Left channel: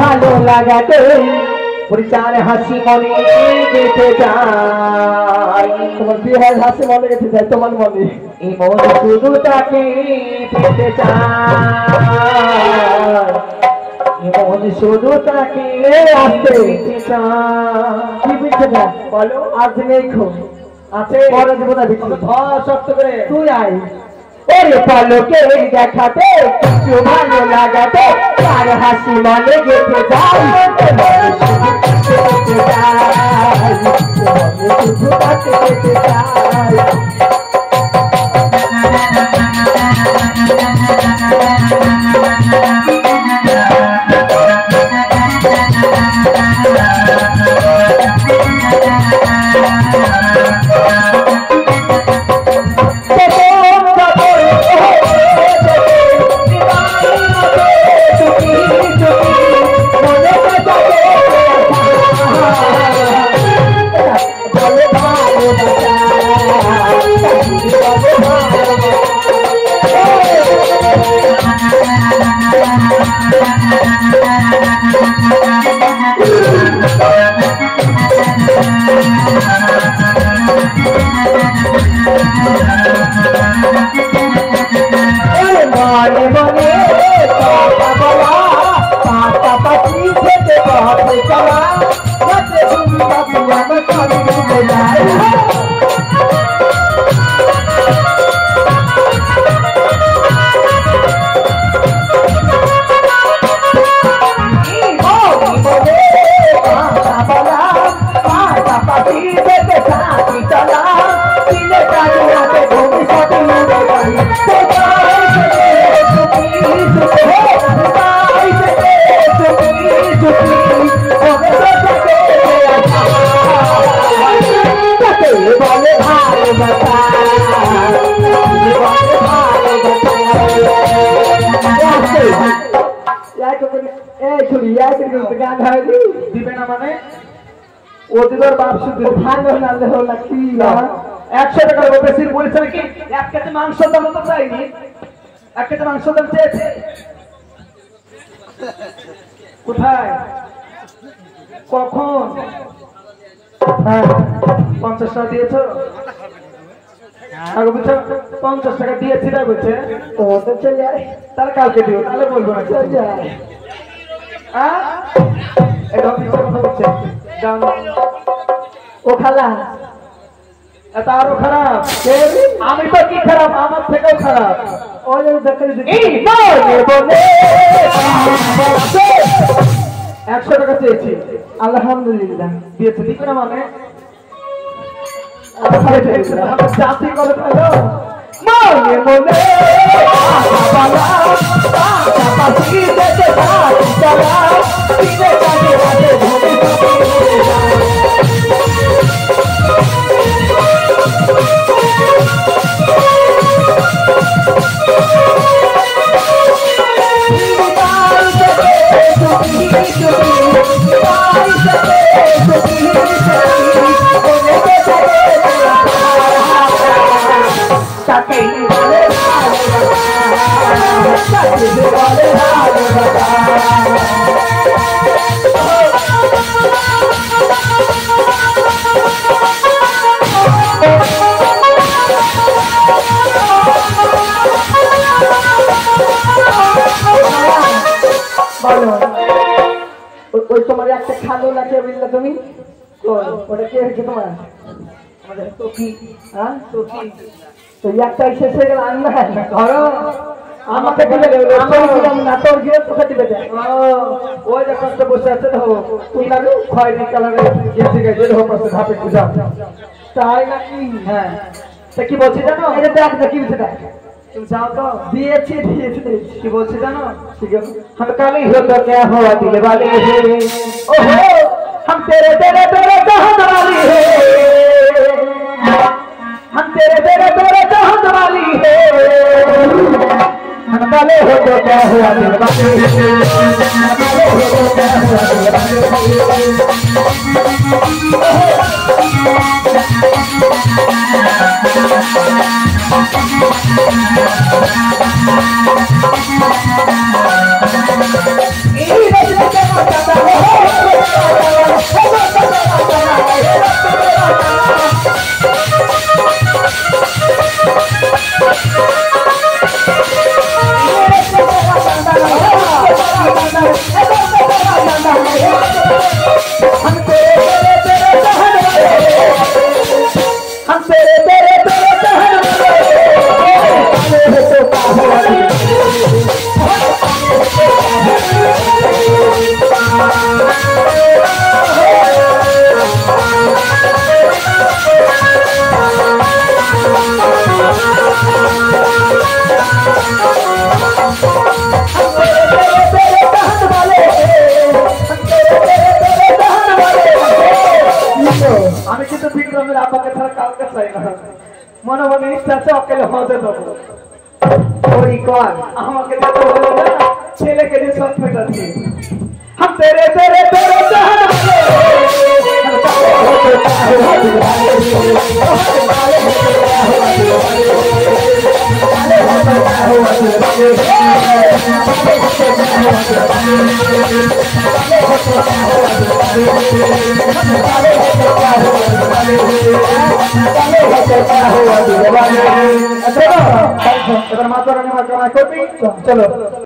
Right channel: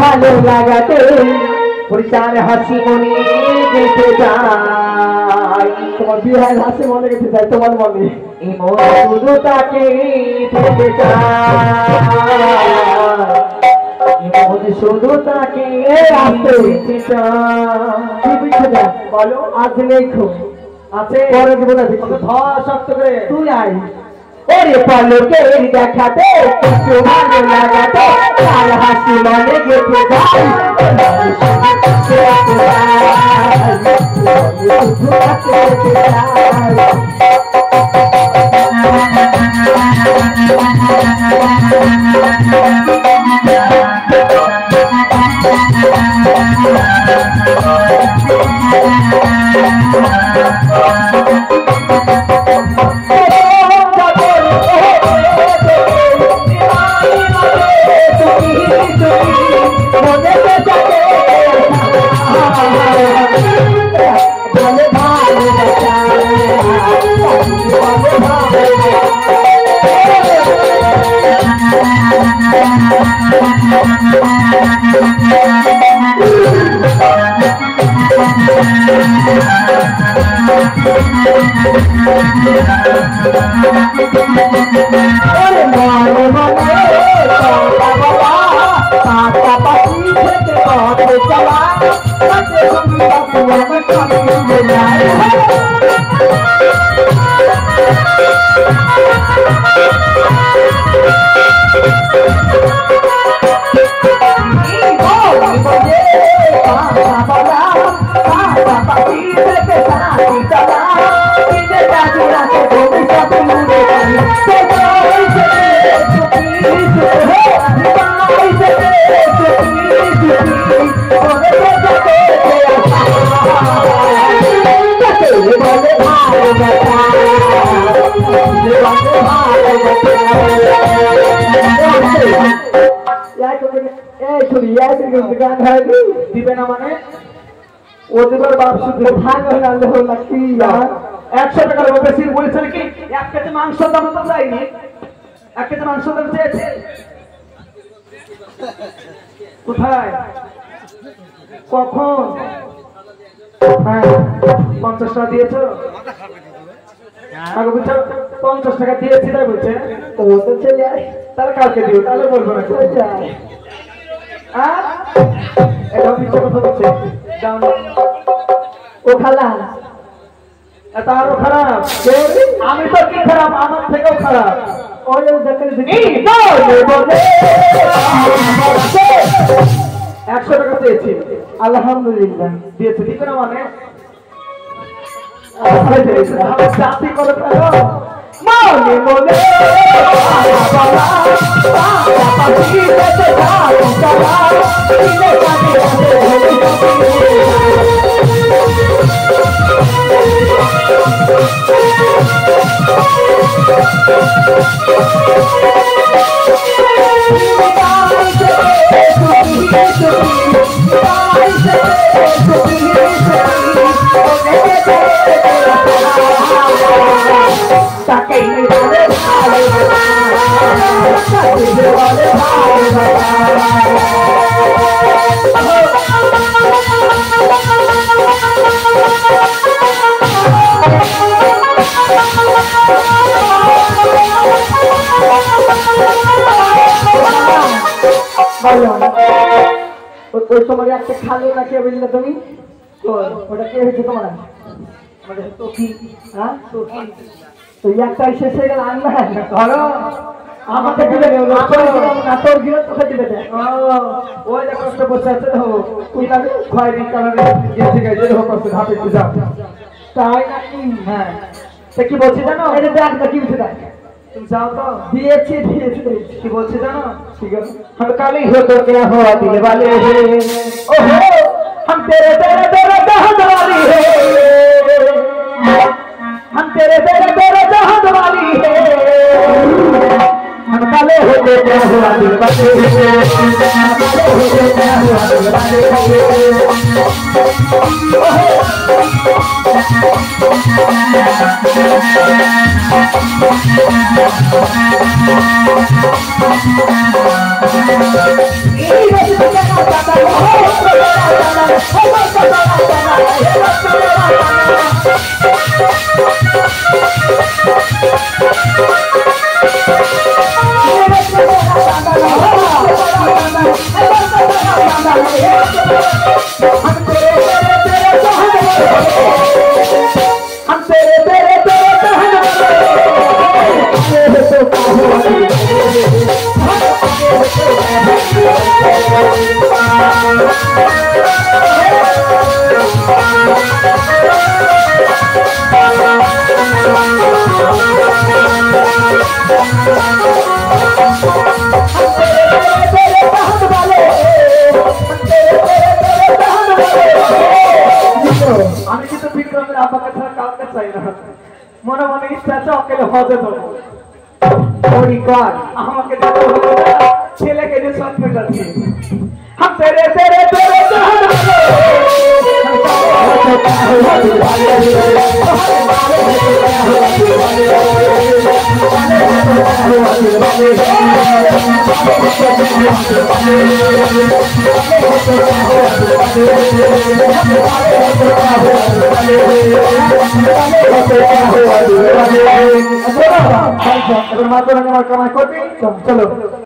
ভালো লাগাতে পরিচার হাসি মনে গেতে যাই তোমার বিহার হাসি মনে গেতে যাই তোমার মনে এই মন শুধু তাকে পেতে চাই মন শুধু তাকে পেতে চাই বলো আজ নেই খুব আছে পরে দিব না বিক্রি শক্ত করে তুই আয় ওরে পলকে দেখাতে কিছু ভালো লাগাতে আর হাসি মনে গেতে দিবে না মানে ওদের বাপ শুধু ভাঙ লাগছি 100 টাকার বেশি বলেছে নাকি 1 কেজি মাংস দাম তো চাইনি 1 কেজি মাংস দাম চেয়েছে কোথায় কখন 50 টাকা দিয়েছো 50 টাকা দিয়েছি না বলছে ও তো চলে যায় তাহলে কালকে দিও তাহলে বলবো না এটা মিথ্যা কথা বলছে ও খালা তারও খারাপ আমি তো কি খারাপ আমার থেকেও খারাপ 100 টাকা চেয়েছি আলহামদুলিল্লাহ দিয়েছে দিবে না মানে জাতি করে ফেলো মনে মনে তোমার একটা খালো না কে বুঝলে তুমি ওটা কে হয়েছে তোমার তো কি হ্যাঁ তো একটাই শেষ হয়ে গেল আর না ধরো আমাকে দিলে না তোর গিয়ে তোকে দিলে ওই যে কষ্ট বসে আছে তো তুই না খয়েরি কালারে গেছে গেছে হোক আছে ধাপে পূজা তাই নাকি হ্যাঁ তা কি বলছি জানো এটা দেখ না কি বলছে দেখ তুমি যাও তো দিয়েছি কি বলছি জানো ঠিক আছে हर काली हो तो क्या हुआ दिल वाले ओहो हम तेरे तेरे तेरे चाहत वाली है हम तेरे तेरे तेरे चाहत वाली है हम काले हो तो क्या हुआ दिल वाले আমি কিন্তু বিক্রমের আব্বাকে ছাড়া কাউকে চাই না, মনে মনে ইচ্ছা আছে অকেলে হজে দেবো। আমাকে দেবো হলো না, ছেলেকে নিয়ে সব পেটাচ্ছি। हम तेरे तेरे तेरे चलो